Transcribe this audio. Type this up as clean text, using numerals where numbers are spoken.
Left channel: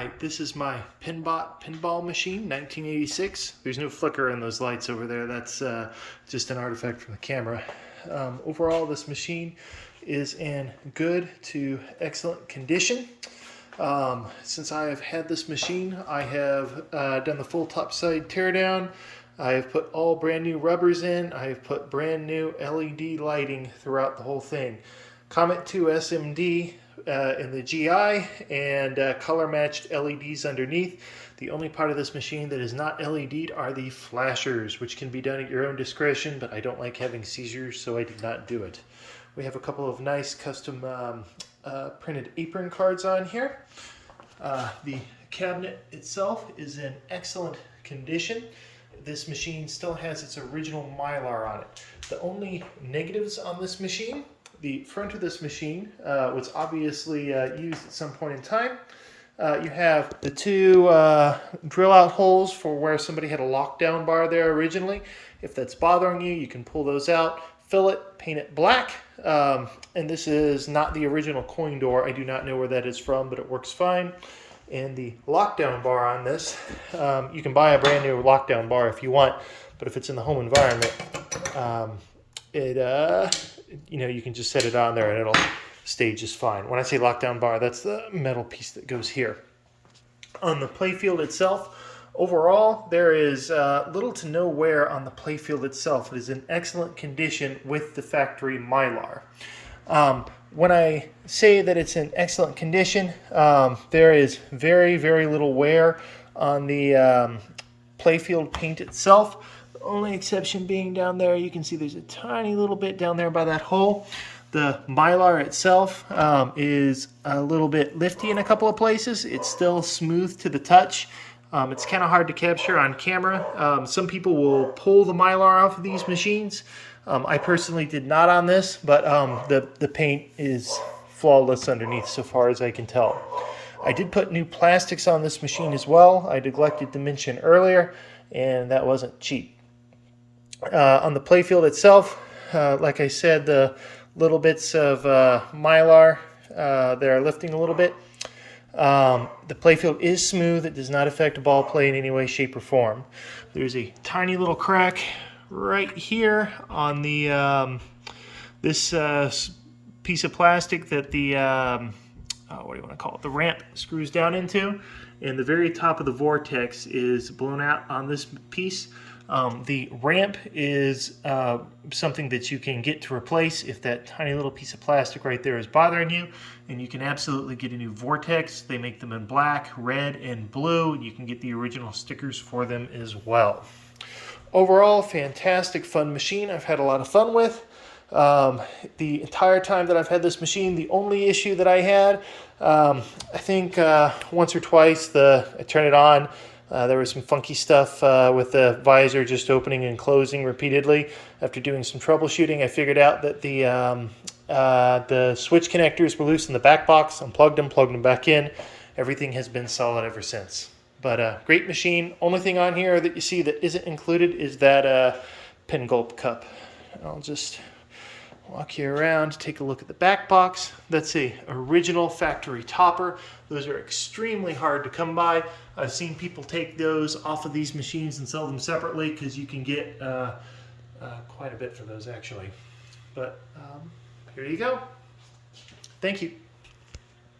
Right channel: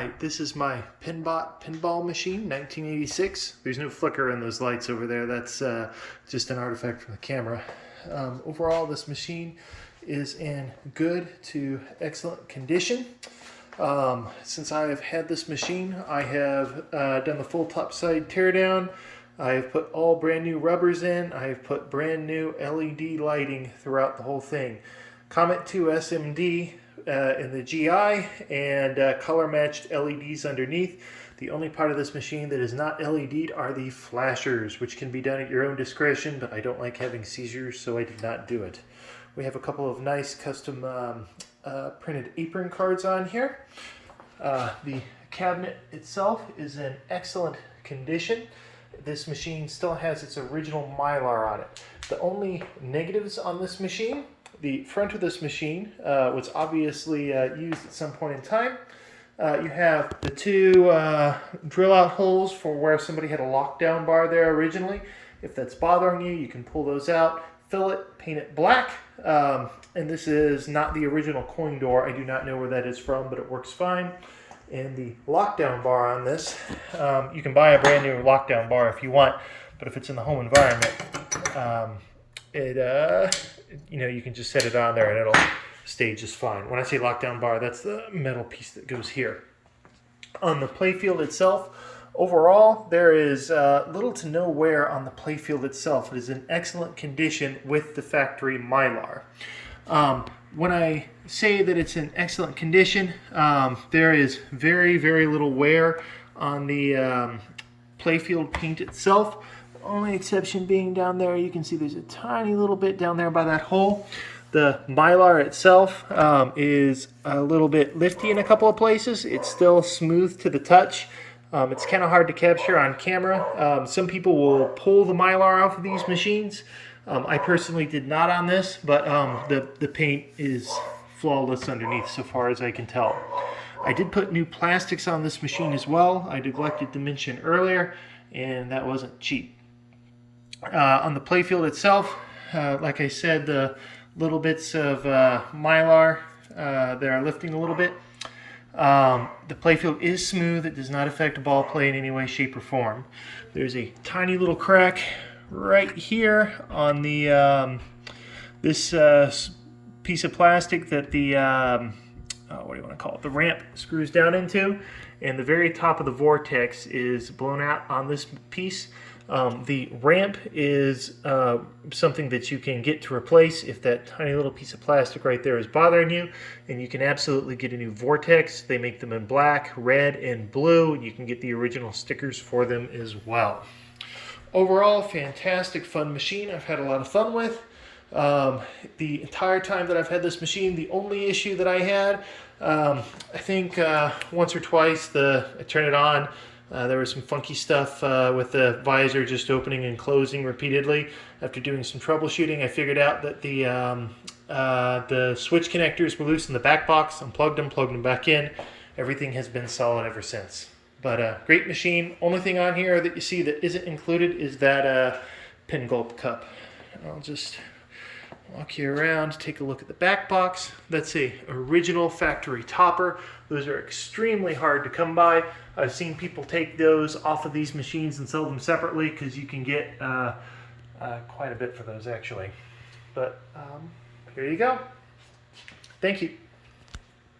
Hi, this is my pinbot pinball machine, 1986. There's no flicker in those lights over there. That's just an artifact from the camera. Overall, this machine is in good to excellent condition. Since I have had this machine, I have done the full topside teardown. I have put all brand new rubbers in. I have put brand new LED lighting throughout the whole thing. Comet 2 SMD in the GI and color matched LEDs underneath. The only part of this machine that is not LED'd are the flashers, which can be done at your own discretion, but I don't like having seizures, so I did not do it. We have a couple of nice custom printed apron cards on here. The cabinet itself is in excellent condition. This machine still has its original Mylar on it. The only negatives on this machine: the front of this machine was obviously used at some point in time. You have the two drill out holes for where somebody had a lockdown bar there originally. If that's bothering you, you can pull those out, fill it, paint it black. And this is not the original coin door. I do not know where that is from, but it works fine. And the lockdown bar on this, you can buy a brand new lockdown bar if you want, but if it's in the home environment, you can just set it on there and it'll stay just fine. When I say lockdown bar, that's the metal piece that goes here. On the playfield itself, overall, there is little to no wear on the playfield itself. It is in excellent condition with the factory Mylar. When I say that it's in excellent condition, there is very, very little wear on the playfield paint itself. The only exception being down there, you can see there's a tiny little bit down there by that hole. The Mylar itself is a little bit lifty in a couple of places. It's still smooth to the touch. It's kind of hard to capture on camera. Some people will pull the Mylar off of these machines. I personally did not on this, but the paint is flawless underneath so far as I can tell. I did put new plastics on this machine as well. I neglected to mention earlier, and that wasn't cheap. On the playfield itself, like I said, the little bits of Mylar, they're lifting a little bit. The playfield is smooth. It does not affect ball play in any way, shape, or form. There's a tiny little crack right here on the this piece of plastic that the what do you want to call it? The ramp screws down into, and the very top of the vortex is blown out on this piece. The ramp is something that you can get to replace if that tiny little piece of plastic right there is bothering you, and you can absolutely get a new vortex. They make them in black, red, and blue, and you can get the original stickers for them as well. Overall, fantastic, fun machine. I've had a lot of fun with. The entire time that I've had this machine, the only issue that I had, I think once or twice I turned it on, there was some funky stuff with the visor just opening and closing repeatedly. After doing some troubleshooting, I figured out that the switch connectors were loose in the back box. Unplugged them, plugged them back in. Everything has been solid ever since. But great machine. Only thing on here that you see that isn't included is that pin gulp cup. I'll just walk you around, take a look at the back box. That's a original factory topper. Those are extremely hard to come by. I've seen people take those off of these machines and sell them separately because you can get quite a bit for those actually. But here you go. Thank you.